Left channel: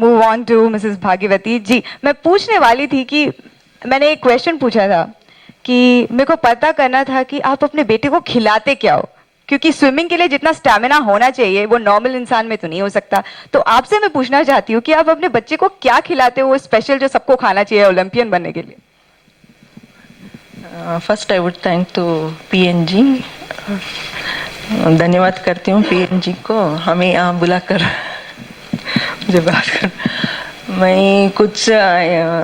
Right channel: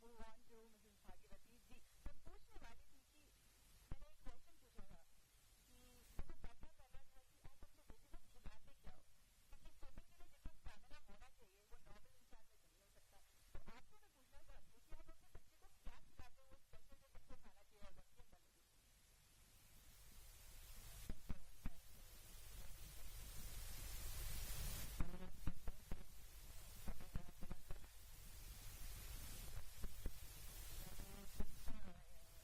Move on to Mrs भाग्यवती जी। मैं पूछने वाली थी कि मैंने एक क्वेश्चन पूछा था कि मेरे को पता करना था कि आप अपने बेटे को खिलाते क्या हो, क्योंकि स्विमिंग के लिए जितना स्टैमिना होना चाहिए वो नॉर्मल इंसान में तो नहीं हो सकता। तो आपसे मैं पूछना चाहती हूँ कि आप अपने बच्चे को क्या खिलाते हो वो स्पेशल जो सबको खाना चाहिए ओलंपियन बनने के लिए। First I would thank to P N G. धन्यवाद करती हूँ पीएनजी को हमें यहाँ बुलाकर मुझे बात कर। मैं कुछ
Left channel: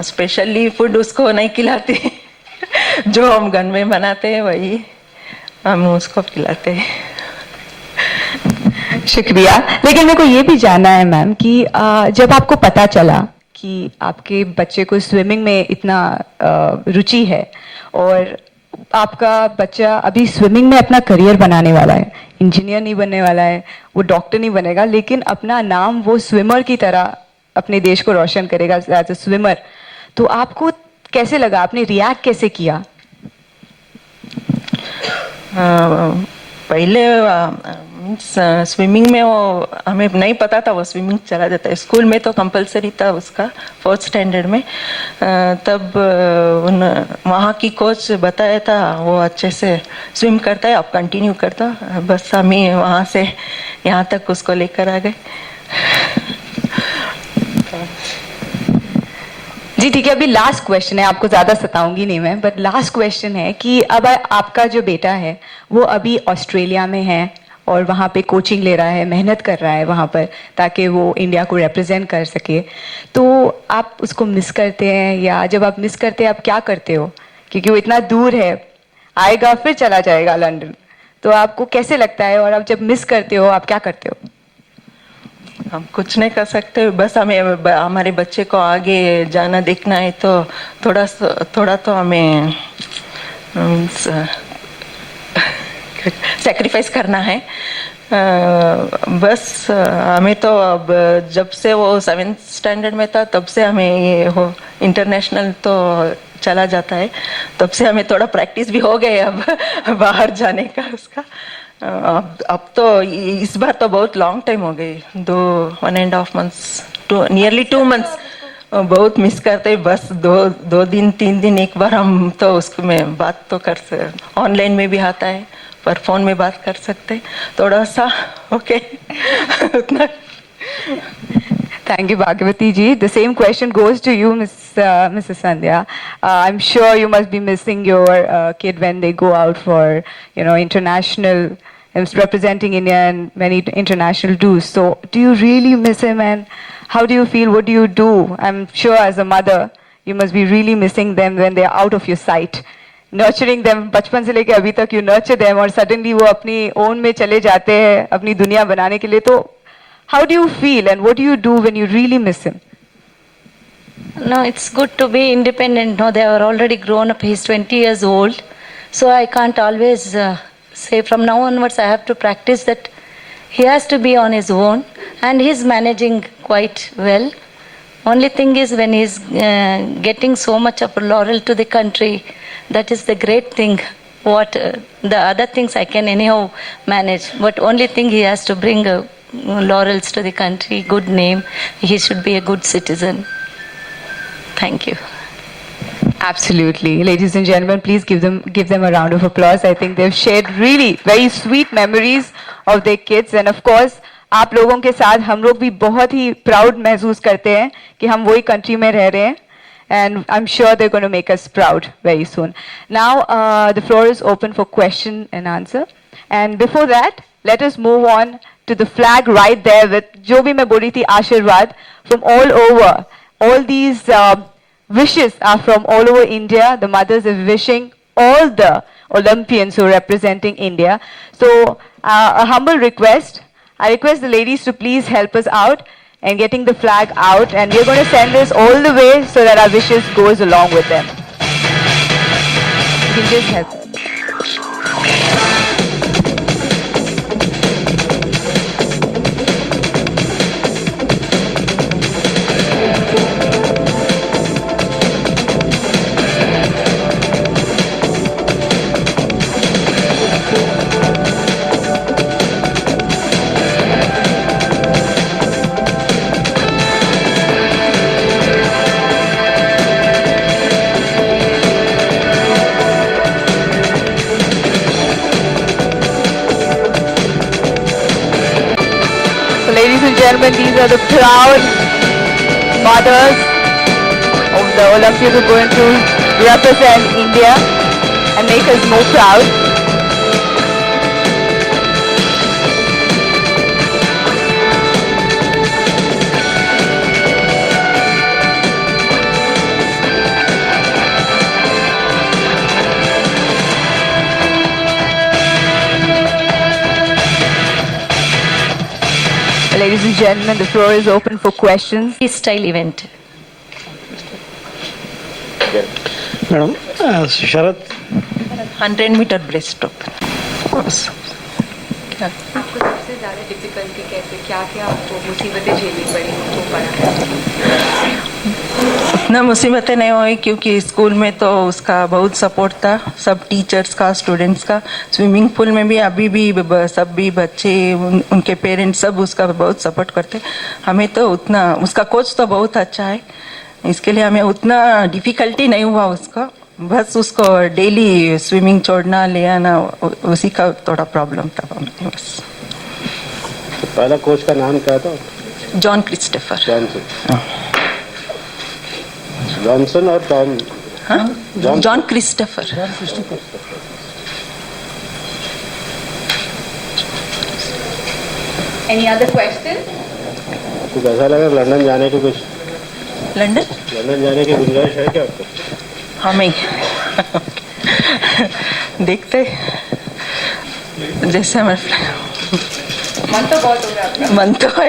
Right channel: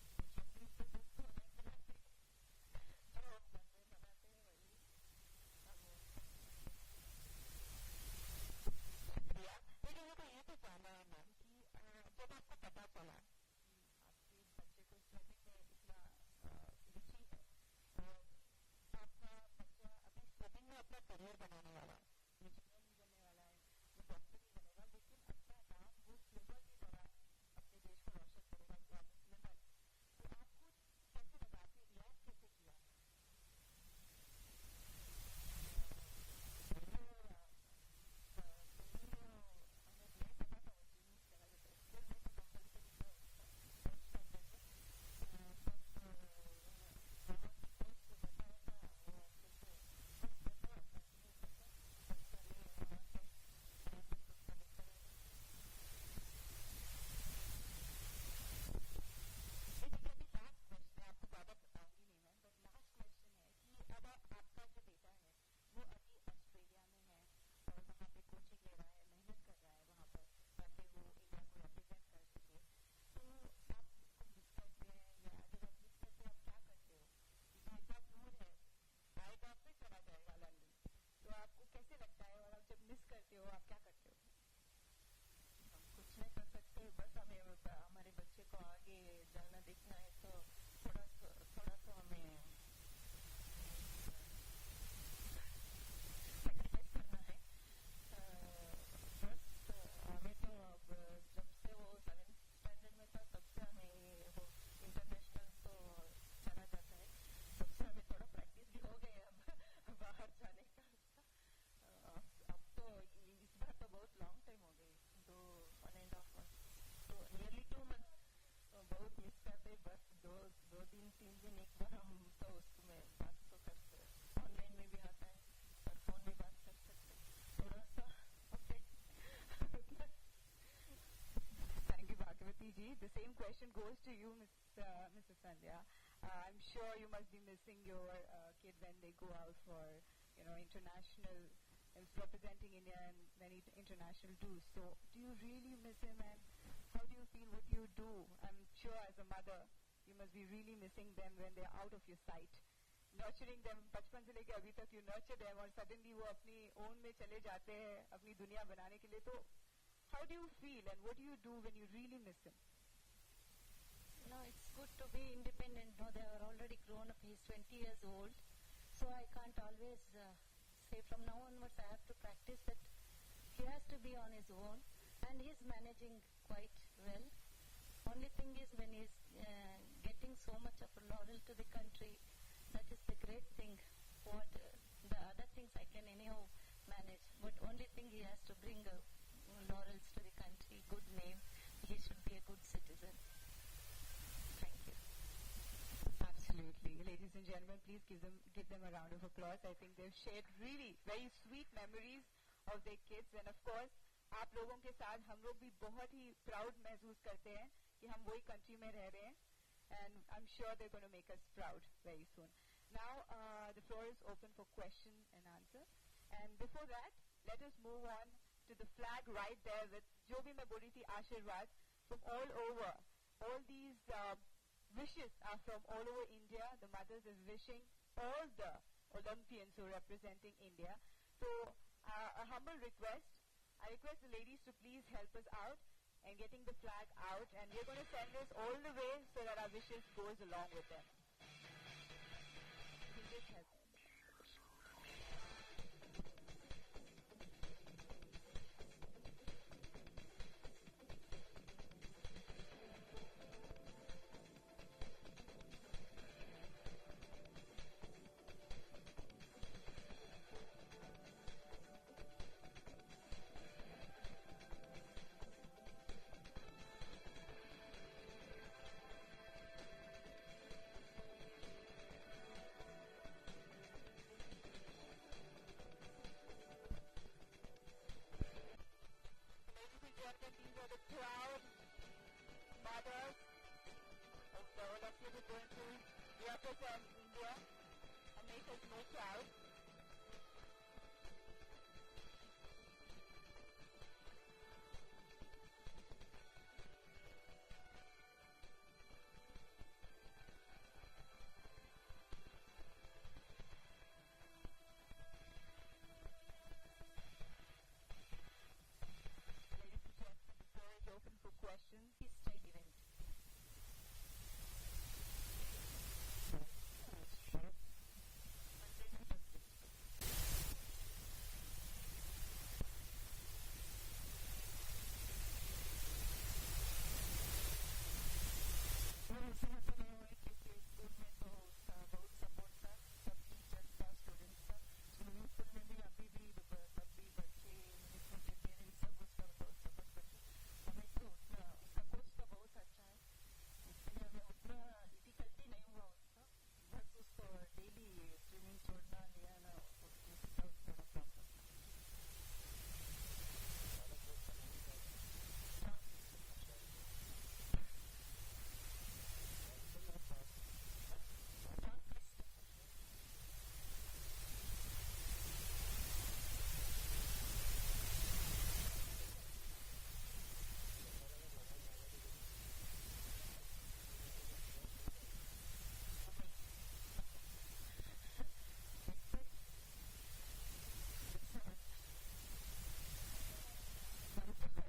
स्पेशली फूड उसको नहीं खिलाती जो हम घर में बनाते हैं वही हम उसको खिलाते हैं। शुक्रिया। लेकिन मेरे को ये भी जानना है मैम कि जब आपको पता चला कि आपके बच्चे को स्विमिंग में इतना रुचि है और आपका बच्चा अभी स्विमिंग में अपना करियर बनाने वाला है, इंजीनियर नहीं बनने वाला है, वो डॉक्टर नहीं बनेगा, लेकिन अपना नाम वो स्विमर की तरह अपने देश को रोशन करेगा एज अ स्विमर, तो आपको कैसे लगा, आपने रिएक्ट कैसे किया? पहले स्विमिंग में वो हमें नहीं पता था वो स्विमिंग चला जाता है। स्कूल में तो कंपलसरी था उसका 4th स्टैंडर्ड में। तब वहाँ की कोच बताया था वो अच्छे से स्विम करता है, आप कंटिन्यू करता। बस हमें वहाँ से यहाँ तक उसको लेकर आ गए। जी ठीक है, अभी लास्ट क्वेश्चन है, आपको ज्यादा सताऊंगी नहीं मैं, बट लास्ट क्वेश्चन है कि अब आपका जो बेटा है वो अभी ऑस्ट्रेलिया में है और वहाँ पे कोचिंग ले रहा है, मेहनत कर रहा है वहाँ पर ताकि वो इंडिया को रिप्रेजेंट कर सके। तो आप उसको मिस करते हैं, या जब आप मिस करते हैं आप क्या करते हो? क्योंकि वो इतना दूर है, आएगा फिर चला जाएगा लंदन, तो आपको कैसे लगता है? और आप जब मिस करते हो आप क्या करते हो? हम कुछ नहीं कर सकते, बस हमें हमारे बच्चे को आगे जाना देखना है तो थोड़ा तो हमें सैक्रिफाइस करना है। बस हमें तो अब जब से वो 7th स्टैंडर्ड में था तब से हमें ये हो इंटरनेशनल तो चला जाता है, तब से हमें थोड़ा प्रैक्टिस भी हो गए अब बाहर जाने का उसका। अब तो इस बार तो बहुत लॉन्ग टाइम हो गई, 1.5 months नियरली 2 months बहुत मिस करते। बस दो दिन 3 दिन एक बार हम तो उसको में बात तो कर सकते, ऑनलाइन में भी आता है पर फोन में बात कर सकते थोड़ा सा। ओके उतना। Thank you, Bhagavati ji. The same question goes to you, Mrs. Sandhya. I'm sure you must be missing your kid when they go out for, international, representing India and many international dues. So, do you really miss him, and how do you feel? What do you do? I'm sure as a mother, you must be really missing them when they are out of your sight. Nurturing them, बचपन से लेके अभी तक you nurture them, और suddenly वो अपनी own में चले जाते हैं अपनी दुनिया बनाने के लिए, तो how do you feel and what do you do when you really miss him? No, it's good to be independent. No, they are already grown up. He's 20 years old. So I can't always say from now onwards I have to practice that he has to be on his own, and he's managing quite well. Only thing is when he's getting so much of laurel to the country, that is the great thing. What the other things I can anyhow manage, but only thing he has to bring laurels to the country, good name. He should be a good citizen. Thank you. Absolutely. Ladies and gentlemen, please give them a round of applause. I think they've shared really very sweet memories of their kids, and of course आप लोगों के साथ हम लोग भी बहुत ही प्राउड महसूस करते हैं कि हम वही कंट्री में रह रहे हैं, and I'm sure they're going to make us proud very soon. Now the floor is open for question and answer, and before that let us move on to the flag right there with जो भी मैं बोली थी आशीर्वाद from all over. All these wishes are from all over India. The mothers are wishing all the Olympians who are representing India. So a humble request. I request the ladies to please help us out and getting the flag out, and we're going to send this all the way so that our wishes goes along with them. You can just help. gentlemen, these are the proud mothers of the Olympians who are going to represent India and make us more proud. Ladies and gentlemen, the floor is open for questions. Freestyle event. Madam Sharad 100 metre breaststroke. क्या आपको सबसे ज़्यादा डिफिकल्टी कैसे क्या आपको मुसीबतें झेलनी पड़ी हो पड़ा? उतना मुसीबतें नहीं हुई क्योंकि स्कूल में तो उसका बहुत सपोर्ट था, सब टीचर्स का, स्टूडेंट्स का। स्विमिंग पूल में भी अभी भी सब भी बच्चे उनके पेरेंट्स सब उसका बहुत सपोर्ट करते। हमें तो उतना, उसका कोच तो बहुत अच्छा है, इसके लिए हमें उतना डिफिकल्टी नहीं हुआ उसको। बस उसको डेली स्विमिंग छोड़ना ले आना, उसी का थोड़ा प्रॉब्लम था हमें बस। पहला कोच का नाम क्या था? John Christopher. जॉनसन और टॉम? हाँ, John Christopher. Any other question? कुछ ऐसा लगा लंदन जाने की कुछ? लंदन जाने की गुंजाइश है क्या आपको? हमें देखते जैसे हमारे मन तो बहुत हो रहा है आपका। मन तो है।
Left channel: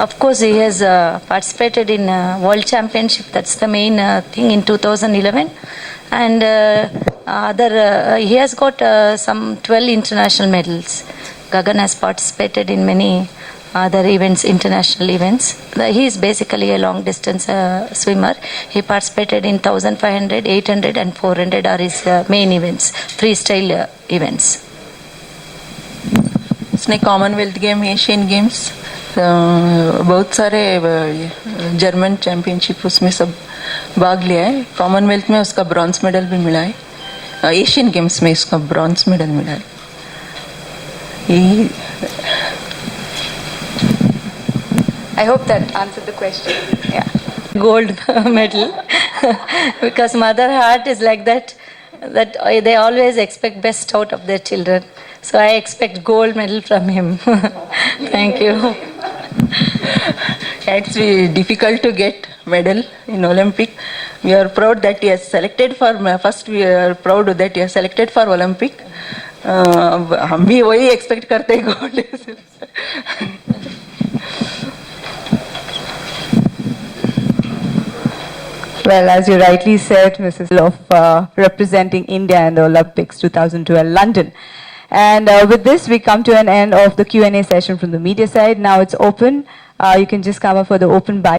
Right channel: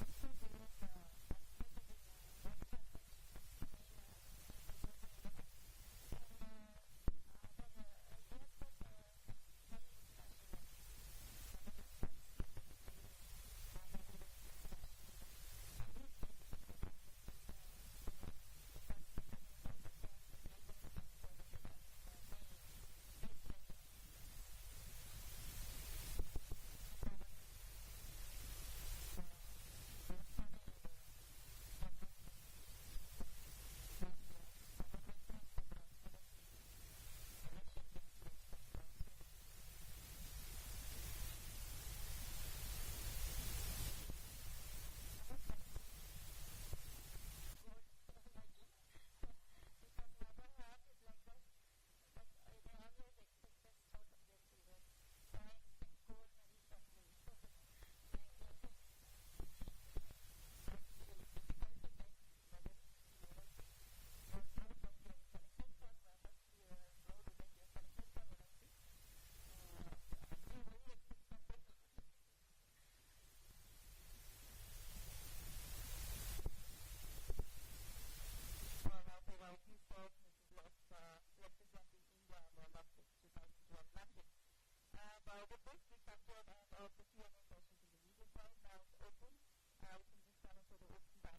Of course, he has participated in World Championship. That's the main thing in 2011. And he has got some 12 international medals. Gagan has participated in many other events, international events. He is basically a long distance swimmer. He participated in 1500, 800 and 400 are his main events, freestyle events. उसने Commonwealth game, Asian games, बहुत सारे German championship उसमें सब भाग लिया है। कॉमनवेल्थ में उसका ब्रॉन्ज मेडल भी मिला है, एशियन गेम्स में उसका ब्रॉन्ज मेडल मिला है। I hope that answered the question. Yeah. Gold medal because mother heart is like that they always expect best out of their children, so I expect gold medal from him. Thank you. It's difficult to get medal in Olympic. We are proud that he has selected for first. We are proud that he has selected for Olympic. हम भी वही expect करते हैं gold. Well, as you rightly said, Mrs. of representing India in the Olympics 2012 London. And with this, we come to an end of the Q&A session from the media side. Now it's open. You can just come up for the open bite.